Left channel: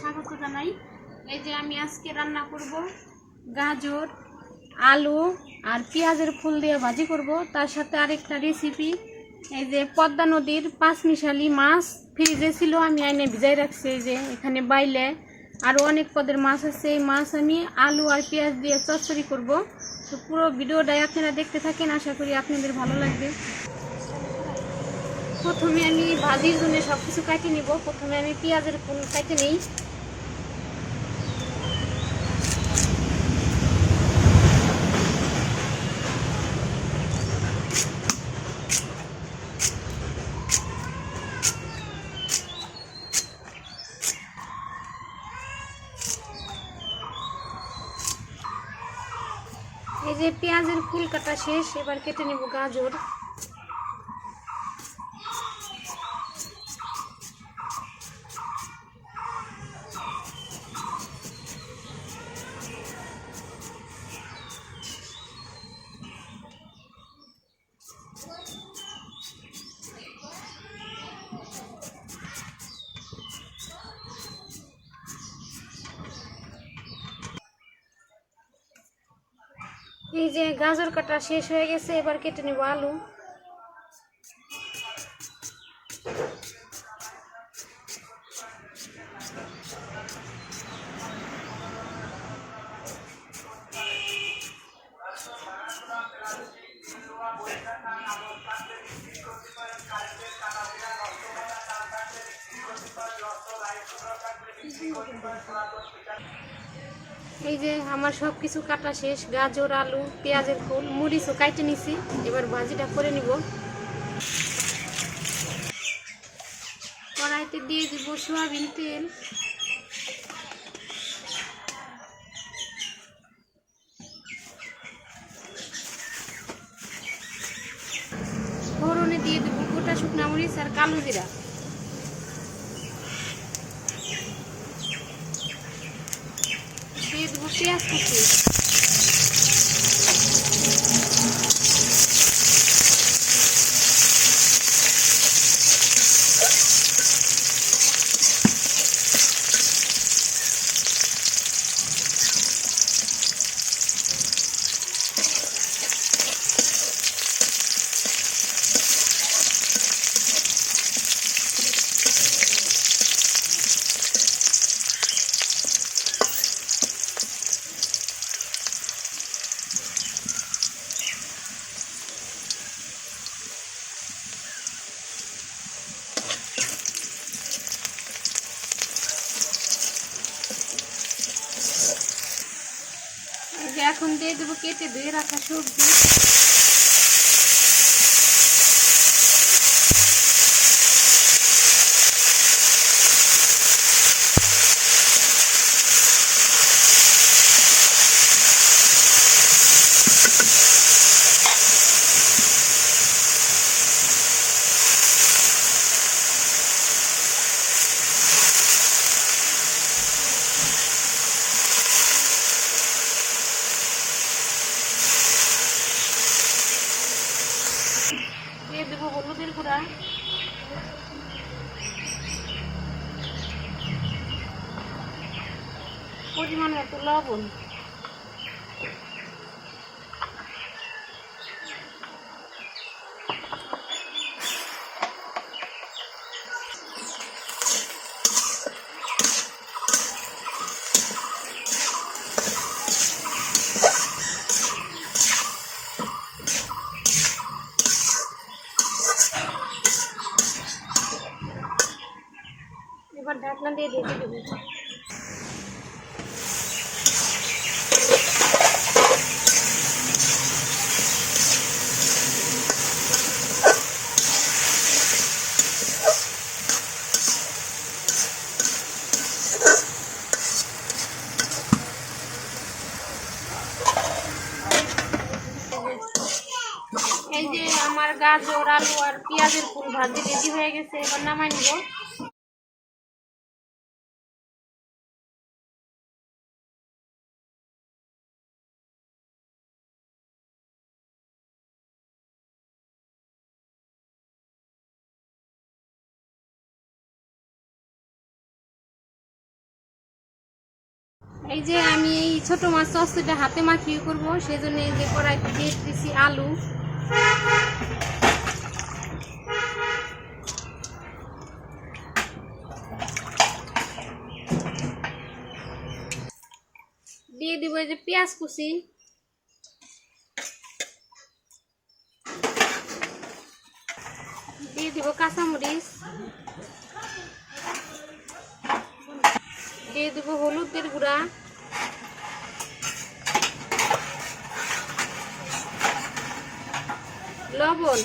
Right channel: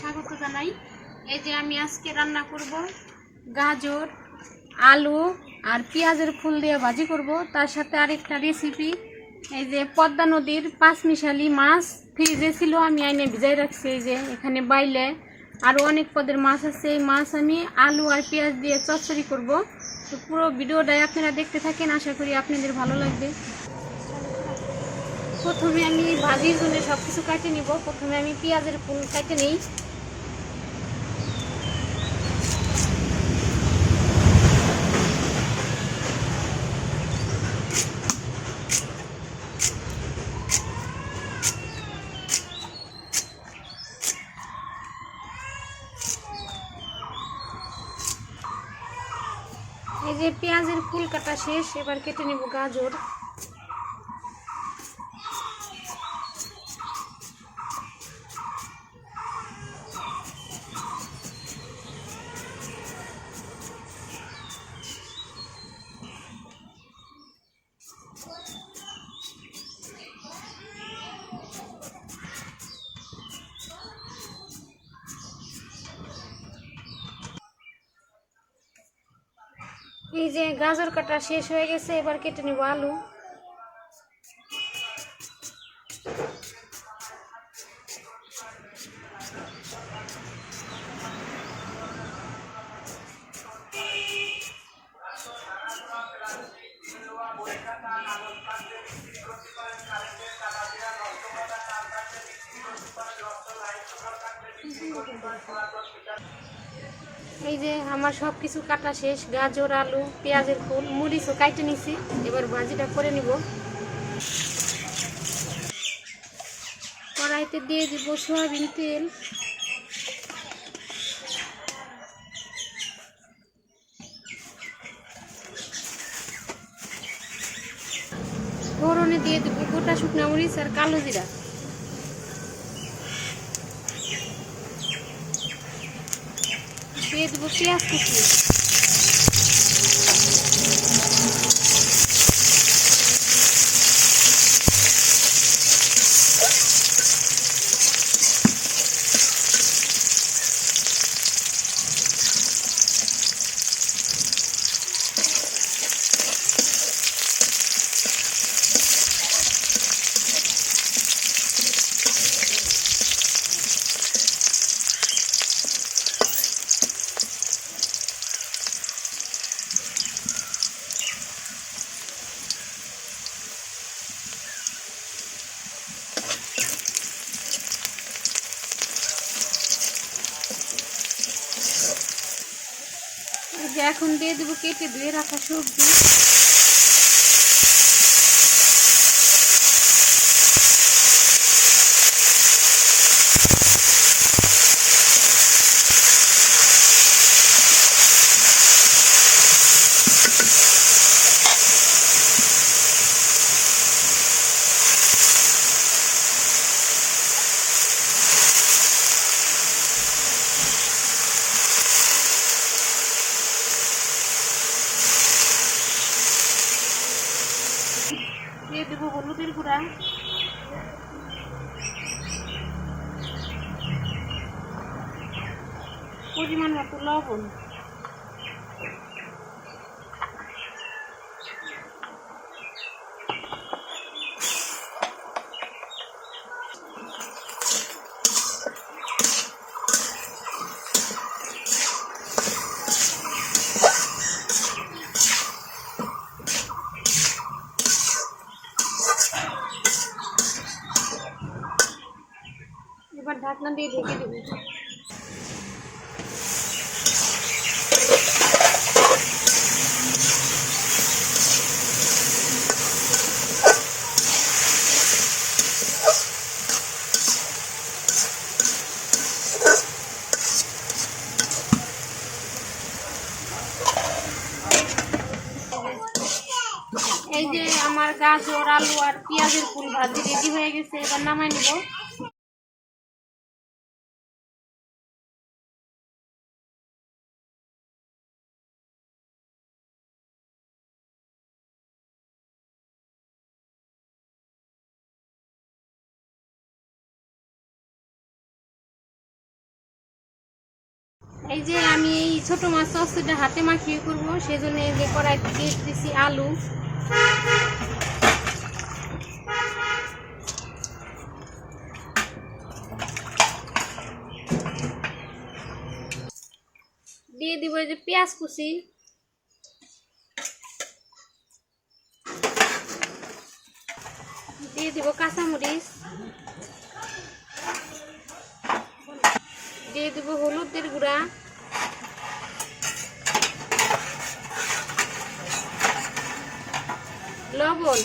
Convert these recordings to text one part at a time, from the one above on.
স্বাগত জানাই। এই যে আমি আজকে রান্না করব গাজর, আলু আর পেঁয়াজের ফুল দিয়ে ভাজি করব। তার সাথে আরেকটা রেসিপি, এই যে পদ্মা নদীর পাঁচমিশালি মাছ ফ্রিজে ছিল, আমি আইনে ভিজাই রাখছি। এই যে এখানে বাইলে আরও অনেক পদের মাছ আছে। এই মাছ আমি আলু আর পেঁয়াজ দিয়ে চচ্চড়ি করব। তো পুরো ভিডিওটাই আপনারা দেখতে থাকেন, আশা করি আপনাদের ভালো লাগবে। প্রথমে আমি ভাজির জন্য সব কিছু কাটে নিব। প্রথমে আমি পেঁয়াজের ফুল কাটে নিই। এই যে পেঁয়াজের ফুল কাটা শেষ, এবার কেটে নেব গাজর। এই যে গাজর কাটা শেষ হয়ে গেছে, এবার কেটে নেব আলু। এই যে আমার সব কিছু কাটা শেষ, গাজর, আলু, পেঁয়াজের ফুল, মরিচও কাটে নিছি। এবার ভাজিটা করে নিব। কড়াইতে দিয়ে দিব সয়াবিন তেল। ফোড়নে দিয়ে দিব গোটা শুকনা মরিচ আর কালো জিরা। দিয়ে দিব পেঁয়াজ কুচি। এখন দিয়ে দেবো কেটে ধুয়ে রাখা সবজি। দিয়ে দেবো হলুদের গুঁড়া, পরিমাণ মতো লবণ। এবার ঢাকনা দিয়ে ঢেকে দেবো। এই যে আমার গাজর, আলু আর পেঁয়াজের ফুল ভাজি রেডি হয়ে গেছে, এবার নামাই নিব। এই যে আমি এই ছোট মাছ চচ্চড়িটা হাতে মাখিয়ে করবো, সেই জন্য এই যে কড়াইতে দিয়ে দিচ্ছি আলু, দিয়ে দিব এই যে পেঁয়াজ কুচি, দিয়ে দিব কাঁচামরিচ, দিয়ে দিব হলুদের গুঁড়া, লবণ।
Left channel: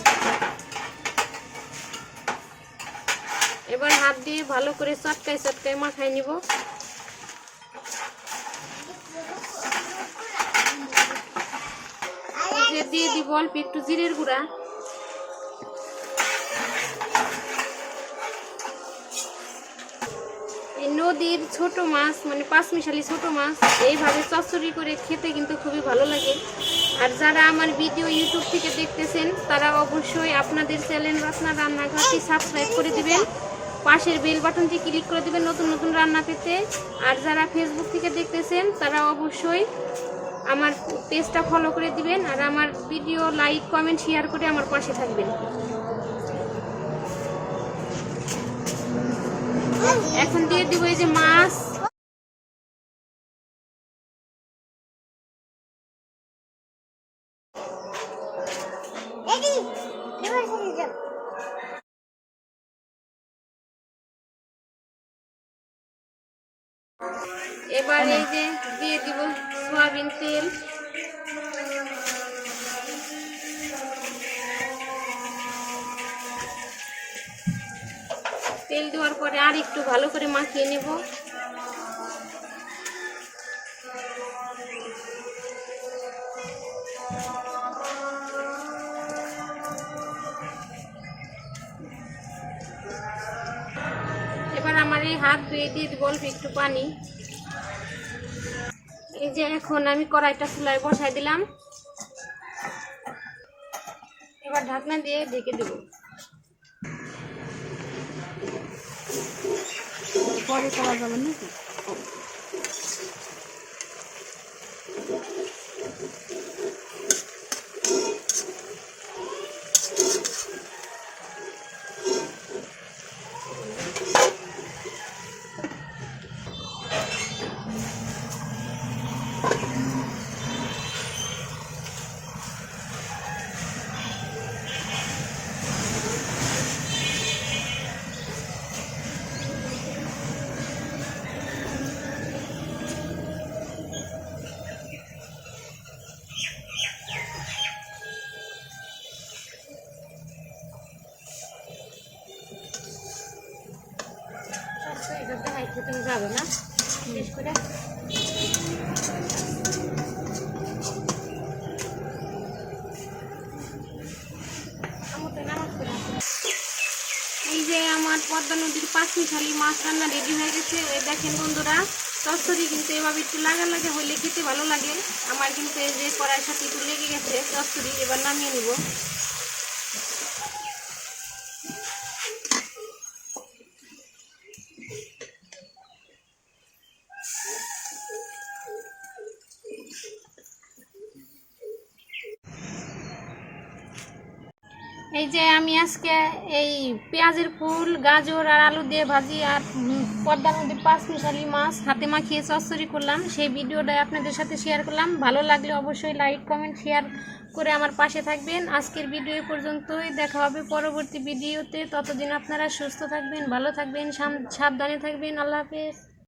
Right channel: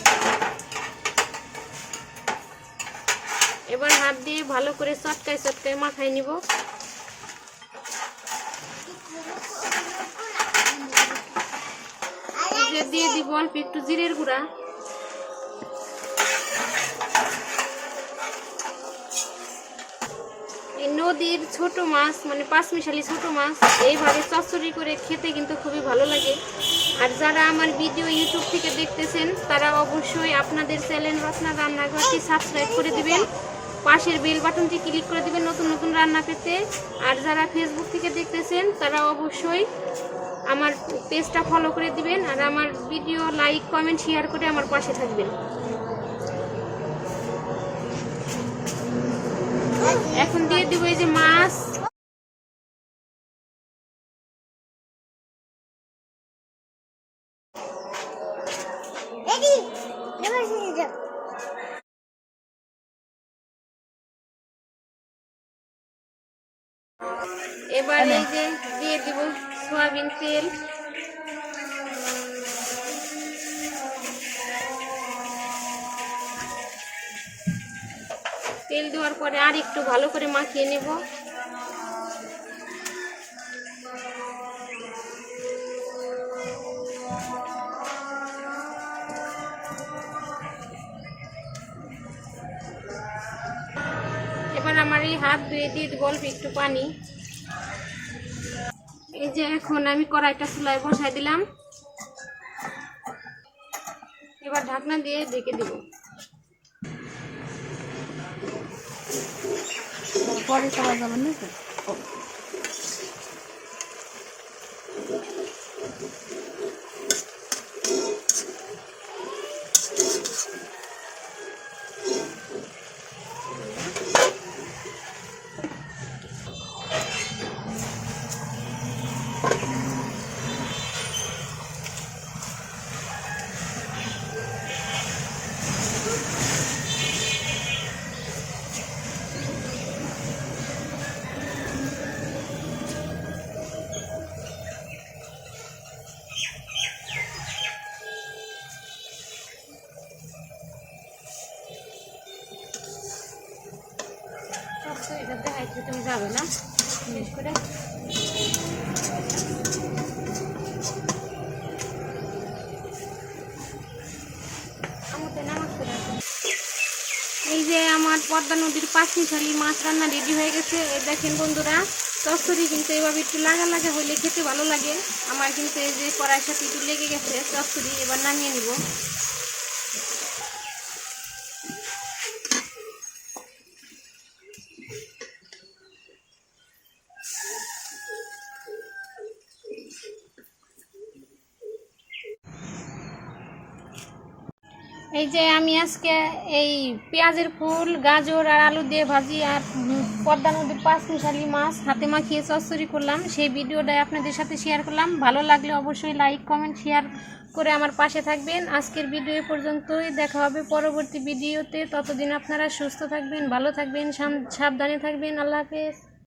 এবার হাত দিয়ে ভালো করে চটকায় চটকায় মাখাই নিব। দিয়ে দিব অল্প একটু জিরের গুঁড়া, এই নদীর ছোট মাছ মানে পাঁচমিশালি ছোট মাছ এইভাবে চচ্চড়ি করে খেতে কিন্তু খুবই ভালো লাগে। আর যারা আমার ভিডিও ইউটিউব থেকে দেখতেছেন তারা অবশ্যই আপনাদের চ্যানেল রত্না রান্নাঘরটি সাবস্ক্রাইব করে দিবেন, পাশের বেল বাটনটি ক্লিক করে দিবেন নতুন নতুন রান্না পেতে। আর যারা ফেসবুক থেকে দেখতেছেন তারা অবশ্যই আমার পেজটা ফলো করে দিবেন, আর আমার ভিডিও লাইক কমেন্ট শেয়ার করে আমার পাশে থাকবেন। এখন দিয়ে দিব এই যে মাছ, এবার এই যে দিয়ে দিব সয়াবিন তেল, তেল দেওয়ার পরে আর একটু ভালো করে মাখিয়ে নেব। এবার আমার এই হাত ধুয়ে দিয়ে দিব অল্প একটু পানি। এই যে এখন আমি কড়াইটা চুলায় বসাই দিলাম, এবার ঢাকনা দিয়ে ঢেকে দেব। পরে করা যাবে নাকি? এটা দেখাইতে তুমি যাবে না শেষ করে। এই যে আমার পদ্মা নদীর পাঁচমিশালি মাছ রান্না রেডি হয়ে গেছে। দেখেন বন্ধুরা, চচ্চড়ি কিন্তু এইভাবে একটু লাগা লাগা হইলে খেতে ভালো লাগে। আমার কিন্তু এই যে কড়াইয়ের সাথে একটু লেগে গেছে চচ্চড়ি, এবার নামিয়ে নিব। এই যে আমি আজকে এই পেঁয়াজের ফুল, গাজর আর আলু দিয়ে ভাজি আর পদ্মা নদীর পাঁচমিশালি মাছ হাতে মাখিয়ে চচ্চড়ি করলাম, সেই ভিডিওটাই আপনাদের সাথে শেয়ার করলাম। ভালো লাগলে অবশ্যই লাইক কমেন্ট শেয়ার করে আমার পাশে থাকবেন। আজকের ভিডিও পর্যন্তই, দেখা হবে পরবর্তী ভিডিওতে। ততদিন আপনারা সুস্থ থাকবেন, ভালো থাকবেন, সাবধানে থাকবেন। আল্লাহ হাফেজ।